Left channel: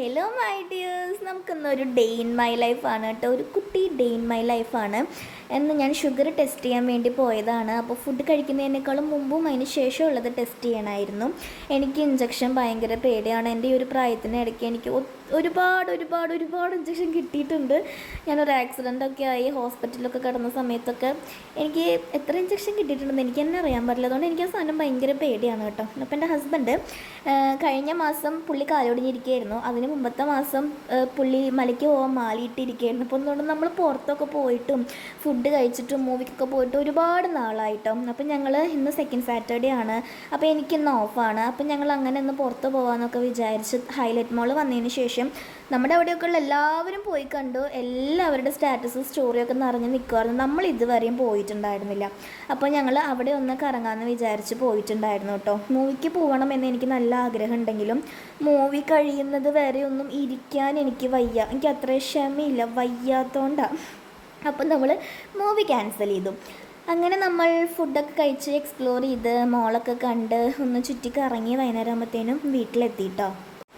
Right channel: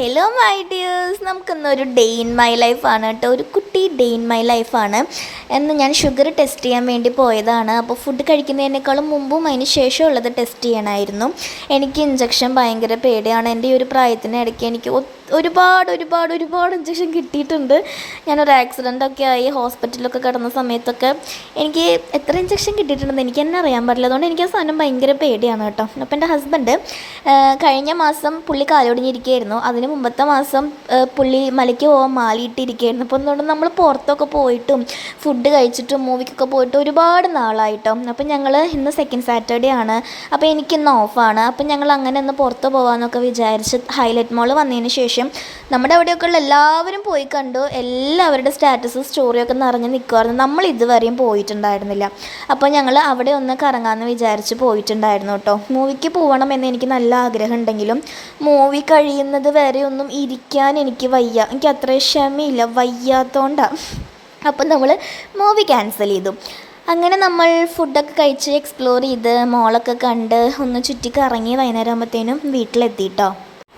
Hello my dears, നമുക്കിന്നൊരു day in my ലൈഫാണ് കേട്ടോ. ഒരു കുട്ടി ഡേ ഇൻ മൈ ലൈഫാണ്. എന്ന് ഞാൻ ഷുഗർ ടെസ്റ്റ് ചെയ്യാൻ വേണ്ടി പോയതാണ്. അപ്പോൾ ഫുഡ് കഴിക്കുന്നതിനേക്കാളും മുമ്പും അതിന് ശേഷം ഉള്ളത് ടെസ്റ്റ് ചെയ്യണമായിരുന്നു. എനിക്ക് ഇഞ്ചക്ഷൻ ഭയങ്കര പേടിയാണ്. എൻ്റെ ഈ ഒരു പ്രായത്തിനിടയ്ക്ക് എനിക്ക് ഒരുപാട് ഒരുപാട് ഒരുപാട് ഇഞ്ചക്ഷൻ കിട്ടിയിട്ടുണ്ട്. ഞാനൊരു ആക്സിഡൻ്റൊക്കെ ആയി ഹോസ്പിറ്റലിലൊക്കെ കിടന്ന സമയത്തൊക്കെ എനിക്ക് എത്ര ഇഞ്ചക്ഷൻ കിട്ടിയിട്ടുണ്ടെന്ന് എനിക്ക് തന്നെ അറിയാൻ പറ്റില്ല. അതുകൊണ്ട് എനിക്ക് ആ സാധനം ഭയങ്കര പേടിയാണ് കേട്ടോ. അപ്പോൾ എൻ്റെ ഹസ്ബൻഡ് കഴിഞ്ഞ മാസം പുള്ളി കാലൊടിഞ്ഞിരിക്കുകയായിരുന്നു. അതിന് മുമ്പത്തെ മാസം പുള്ളി മലയ്ക്ക് പോകാൻ മാലിയിട്ടിരിക്കുകയായിരുന്നു. അപ്പോൾ അതുകൊണ്ട് നമ്മൾ പുറത്തൊക്കെ പോയിട്ടും ഫുഡ് കഴിച്ചിട്ടും മൂവിക്കൊക്കെ പോയിട്ട് ഒരുപാട് നാളായിട്ടോ. അപ്പം ഞങ്ങൾ ഇന്ന് സെക്കൻഡ് സാറ്റർഡേ ആണ്. അപ്പോൾ എനിക്കിന്ന് ഓഫാണ്. അപ്പം ഞങ്ങൾ അങ്ങനെ ഒന്ന് പുറത്ത് പോകാമെന്നൊക്കെ വിചാരിച്ച് ഹൈലൈറ്റ് മോൾ വന്നതിന് ശേഷം നമ്മുടെ അവിടെയൊക്കെയുള്ള എല്ലാവരും പോയി കണ്ടു. എല്ലാവരുടെ സ്റ്റാറ്റസ് സ്റ്റോറിയൊക്കെ നിറഞ്ഞ് നിൽക്കുമായിരുന്നു. നമ്മൾ ഇതുവരെയും പോയിട്ടുണ്ടായിരുന്നില്ല. അപ്പോൾ ഞങ്ങൾ അവിടെ ഒന്ന് കറങ്ങാമെന്ന് വിചാരിച്ച് പോയിട്ടുണ്ടായിരുന്നു കേട്ടോ. മൂവിക്ക് പോകണമെന്ന് എനിക്ക് നല്ല ആഗ്രഹം ഉണ്ടെങ്കിലും മൂവി കഴിയുന്നത് വരെ ഒന്നും ഇരിക്കാൻ എനിക്ക് വയ്യ. എനിക്ക് അത്ര ക്ഷമയില്ല, വയ്യാത്തോണ്ടാണ്. അപ്പം നമ്മൾ മൂവി ക്യാൻസൽ ചെയ്തു. അങ്ങനെ നമ്മൾ ഫുഡൊക്കെ കഴിച്ച് എക്സ്പ്ലോർ ചെയ്ത് മോളൊക്കെ കണ്ട് ഒന്ന് ചുറ്റി കറങ്ങി വൈകുന്നേരം ആകുമ്പോഴത്തേനും വീട്ടിലെത്തിയിട്ടോ.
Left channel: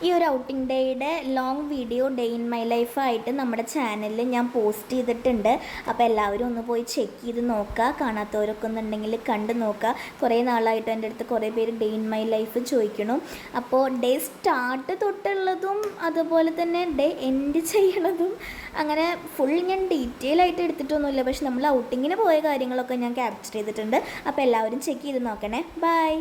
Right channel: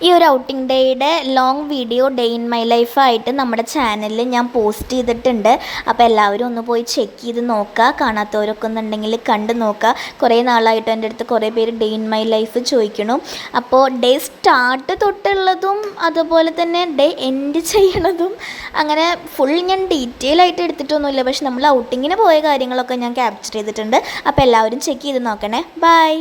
ഈ ഒരു ഔട്ടിംഗ് ഡേയുടെ long video day in my ലൈഫായിട്ട് നമ്മുടെ ചാനലിൽ ഞാൻ പോസ്റ്റ് ചെയ്തിട്ടുണ്ട്. അപ്പോൾ എല്ലാവരും ഒന്ന് പോയി ചെക്ക് ചെയ്ത് നോക്കുക. കാണാത്തവരൊക്കെ ഒന്നുണ്ടെങ്കിൽ കണ്ട് നോക്കുക. കുറേ നാളായിട്ട് എൻ്റെ അടുത്ത് കുറേ പേര് ഡേ ഇൻ മൈ ലൈഫ് ചോദിക്കണം. അപ്പോൾ ഡേ സ്റ്റാർട്ട് തൊട്ടുള്ളതും അതുപോലെ തന്നെ ഡേ എൻഡ് ചെയ്യണതും അങ്ങനെ ഫുൾ ഞാൻ ഡീറ്റെയിൽ ആയിട്ട് എടുത്തിട്ടൊന്നുമില്ല. പക്ഷെ നമ്മൾ ഔട്ടിങ്ങിന് പോയ കാര്യങ്ങളൊക്കെ ഞാൻ ക്യാപ്ചർ ചെയ്തിട്ടുണ്ട്. അപ്പോൾ എല്ലാവരും ചെക്ക് ചെയ്ത് നോക്കണേ. ബൈ.